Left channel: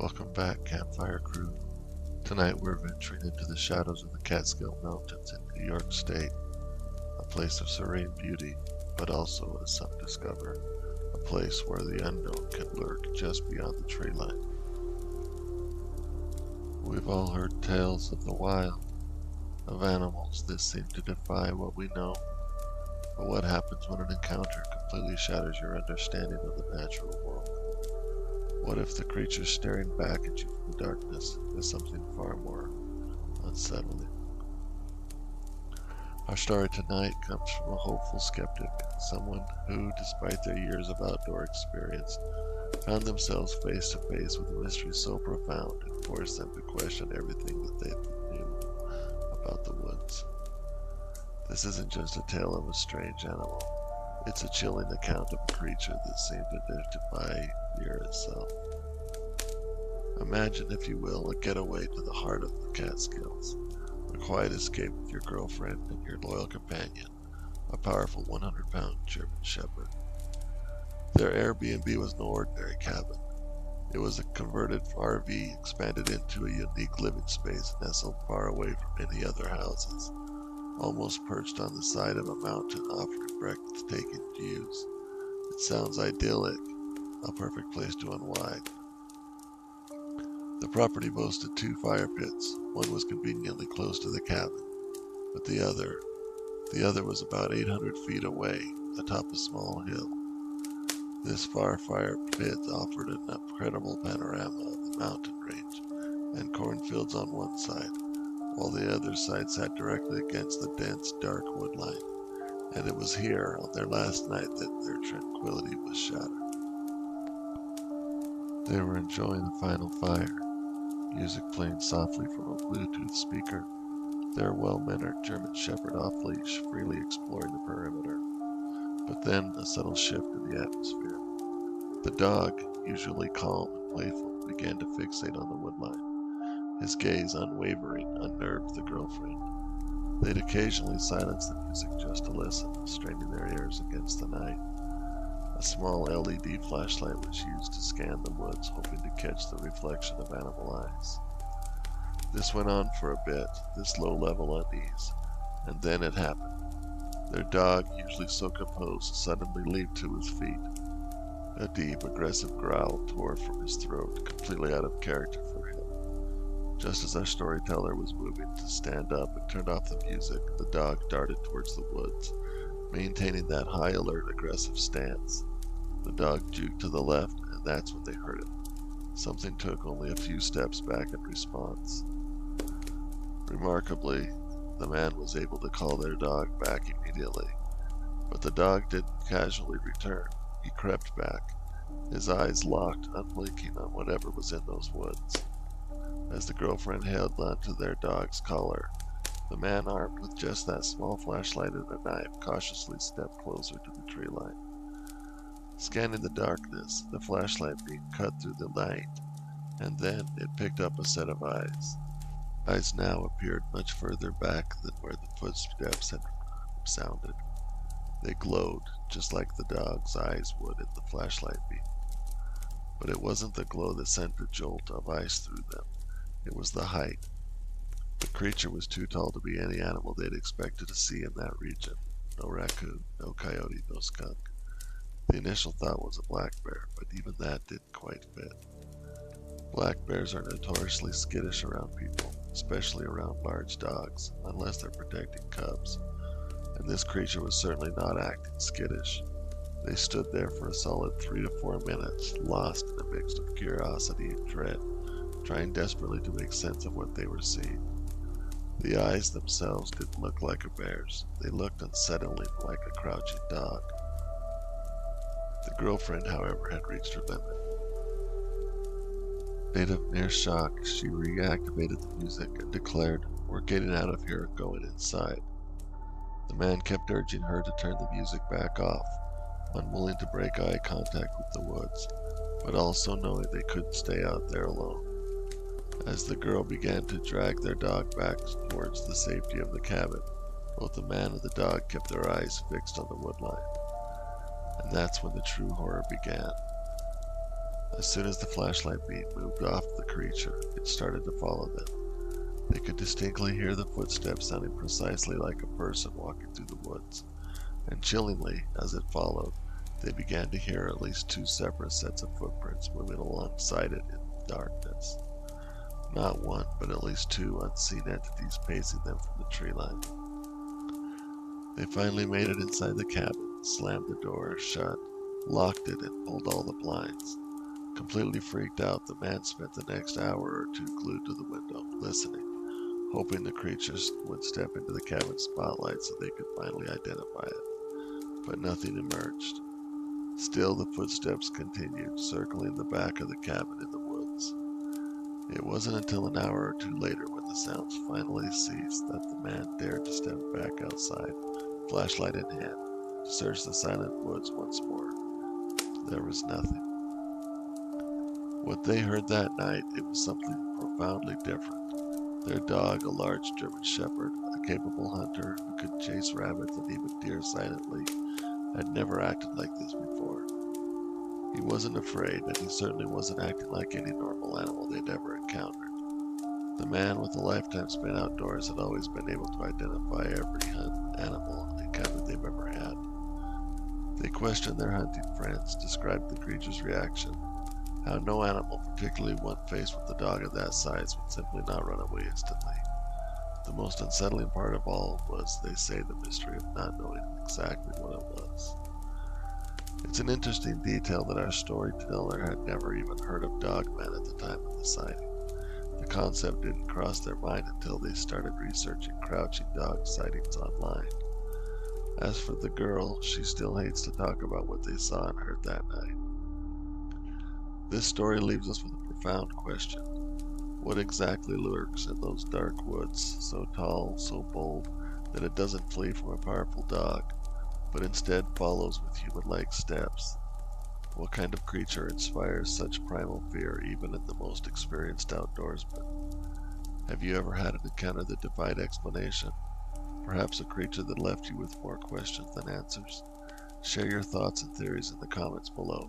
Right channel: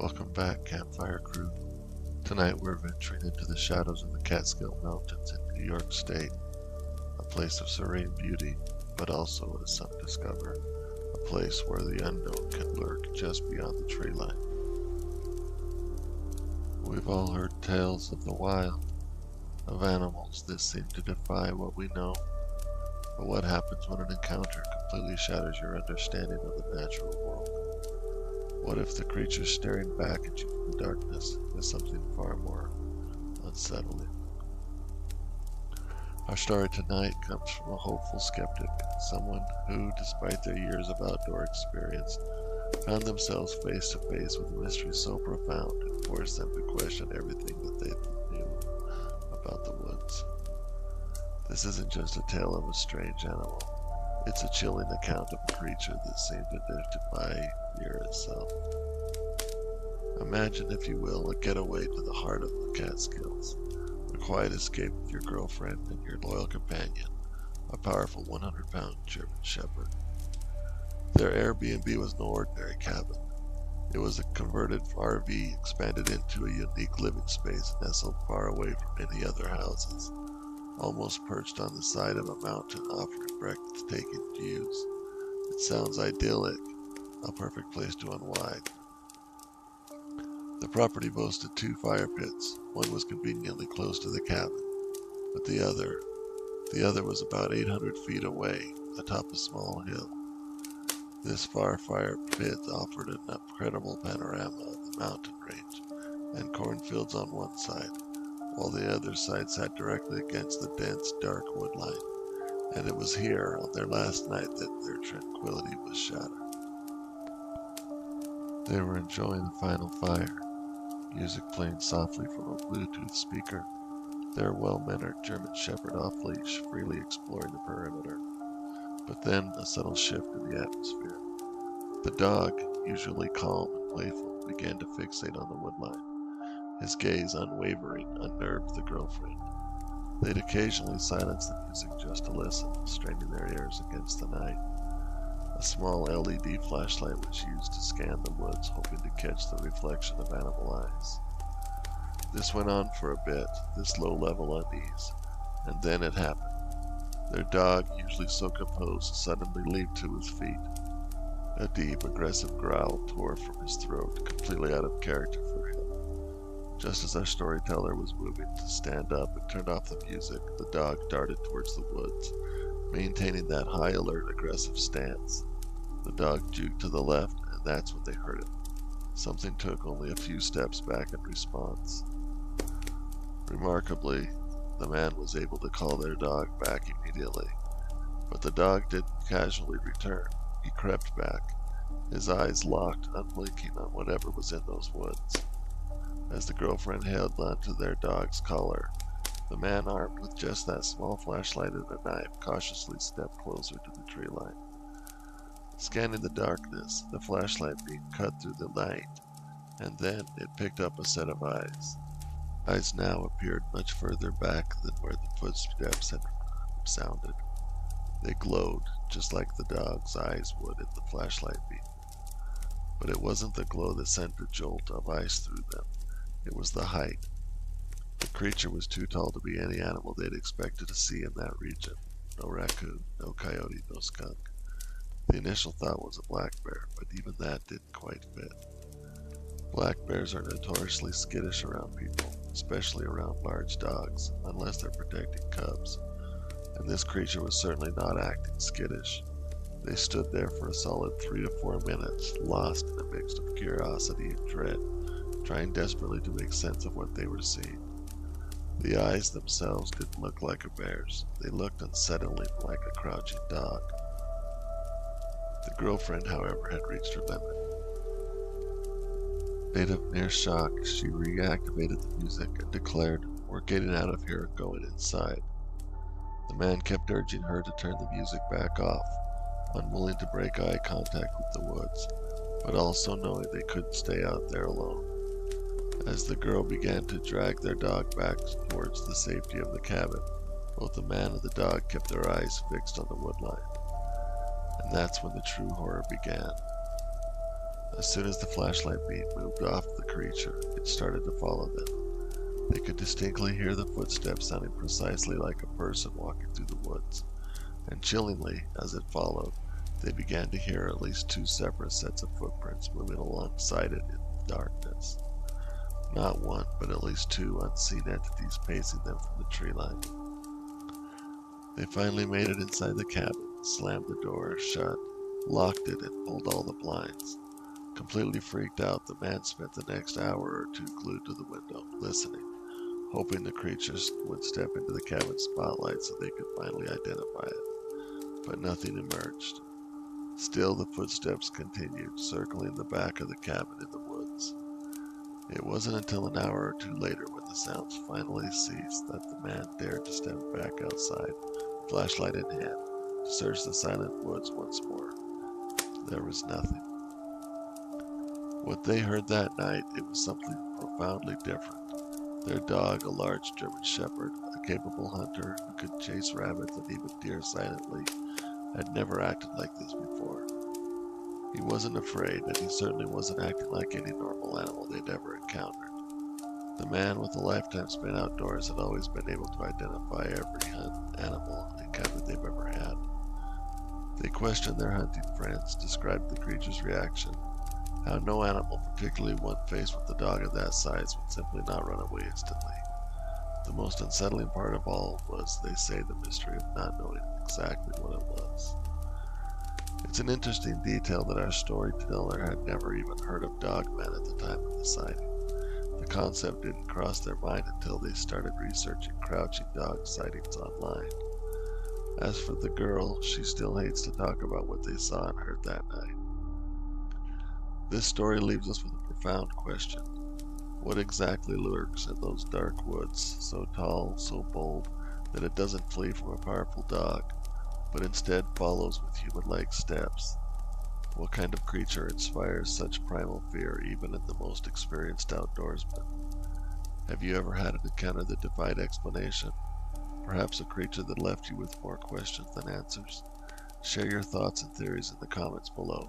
Welcome back, Campfire Crew. Tonight we're venturing into the shadows of the Catskill Mountains in New York State, a place of serene beauty, but also, as some discover, a place where the unknown can lurk just beyond the tree line. We've all heard tales of the wild, of animals that seem to defy what we know. But what happens when an encounter completely shatters your understanding of the natural world? What if the creature staring back at you from the darkness is something far more unsettling? Our story tonight comes from a hopeful skeptic, someone who, despite their years of outdoor experience, found themselves face to face with a mystery so profound it forced them to question everything that they knew about the woods. This isn't just a tale of a strange animal. It's a chilling account of a creature that seemed to defy fear itself. Imagine, if you will, a getaway to the heart of the Catskills, a quiet escape with your girlfriend and your loyal companion, a powerful 100-pound German Shepherd. Their Airbnb was no ordinary cabin. It was a converted RV expanded into a unique living space nestled far away from any other houses, almost perched on the side of a mountain offering breathtaking views. It sounds idyllic, a perfect place to unwind. The property boasted 2 fire pits. One was conveniently close to the cabin, but the other was about 800 feet away, atop a small hill. This fire pit offered an incredible panorama of the mountain range and cornfields on one side, while the other side sat directly against the dense, dark woodline, and it was here, on their last night, that their tranquility was shattered. They were enjoying the final fire, music playing softly from a Bluetooth speaker, their well-mannered German Shepherd off-leash, freely exploring the perimeter. But then a subtle shift in the atmosphere. The dog, usually calm and playful, began to fixate on the woodline. His gaze, unwavering, unnerved the girlfriend. They'd occasionally silence the music just to listen, straining their ears against the night. A small LED flashlight was used to scan the woods, hoping to catch the reflection of animal eyes. This went on for a bit, this low-level unease, and then it happened. Their dog, usually so composed, suddenly leaped to his feet. A deep, aggressive growl tore from his throat, completely out of character for him. Just as our storyteller was moving to stand up and turn off the music, the dog darted towards the woods, maintaining that high alert, aggressive stance. The dog juked to the left, and that's when they heard it. Something took only a few steps back in response. Remarkably, the man was able to call their dog back immediately. But the dog didn't casually return. He crept back, his eyes locked, unblinking on whatever was in those woods. As the girlfriend held onto their dog's collar, the man, armed with just that small flashlight and a knife, cautiously stepped closer to the tree line. Scanning the darkness, the flashlight beam cut through the night, and then it picked up a set of eyes. Eyes now appeared much further back than where the footsteps had sounded. They glowed, just like the dog's eyes would in the flashlight beam. But it wasn't the glow that sent a jolt of ice through them. It was the height. The creature was too tall to be any animal they'd expected to see in that region. No raccoon, no coyote, no skunk. The initial thought was a black bear, but even that didn't quite fit. Black bears are notoriously skittish around people, especially around large dogs, unless they're protecting cubs. And this creature was certainly not acting skittish. They stood there for a solid 3 to 4 minutes, lost in a mix of curiosity and dread, trying desperately to make sense of what they were seeing. The eyes themselves didn't look like a bear's. They looked unsettlingly like a crouching dog. The girlfriend, however, had reached her limit. Made of near shock, she reactivated the music and declared, "We're getting out of here and going inside." The man kept urging her to turn the music back off, unwilling to break eye contact with the woods, but also knowing they couldn't stay out there alone. As the girl began to drag their dog back towards the safety of the cabin, both the man and the dog kept their eyes fixed on the woodline. And that's when the true horror began. A As soon as the flashlight beam moved off the creature, it started to follow them. They could distinctly hear the footsteps sounding precisely like a person walking through the woods, and chillingly, as it followed, they began to hear at least 2 separate sets of footprints moving alongside it in the darkness. Not one, but at least 2 unseen entities pacing them from the tree line. They finally made it inside the cabin, slammed the door shut, locked it, and pulled all the blinds. Completely freaked out, the man spent the next hour or 2 glued to the window, listening, hoping the creatures would step into the cabin spotlight so they could finally identify it. But nothing emerged. Still, the footsteps continued, circling the back of the cabin in the woods. It wasn't until an hour or 2 later, when the sounds finally ceased, that the man dared to step back outside, flashlight in hand, to search the silent woods once more. There was nothing. What they heard that night, it was something profoundly different. Their dog, a large German shepherd, a capable hunter who could chase rabbits and even deer silently, had never acted like this before. He wasn't afraid, and he certainly wasn't acting like any normal animal they'd ever encountered. The man, with a lifetime spent outdoors, had always been able to identify every animal encounter they've ever had. They questioned their hunting friends, described the creature's reaction, how no animal, particularly one faced with a dog of that size, would simply not run away instantly. The most unsettling part of all was, they say, the mystery of not knowing exactly what it was. It's an interesting detail that our storyteller had never even heard of Dogman at the time of the sighting. The concept didn't cross their mind until they started researching crouching dog sightings online. As for the girl, she still hates to talk about what they saw and heard that night. This story leaves us with a profound question. What exactly lurks in those dark woods, so tall, so bold, that it doesn't flee from a powerful dog, but instead follows with human-like steps? What kind of creature inspires such primal fear even in the most experienced outdoorsman? Have you ever had an encounter that defied explanation? Perhaps a creature that left you with more questions than answers? Share your thoughts and theories in the comments below.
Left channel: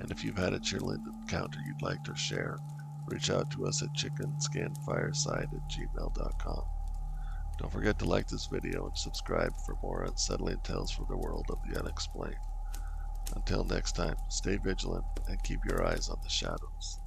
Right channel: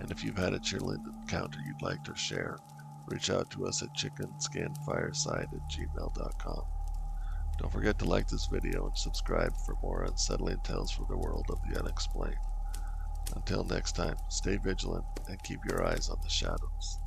And if you've had a chilling encounter you'd like to share, reach out to us at chickenskinfireside@gmail.com. Don't forget to like this video and subscribe for more unsettling tales from the world of the unexplained. Until next time, stay vigilant and keep your eyes on the shadows.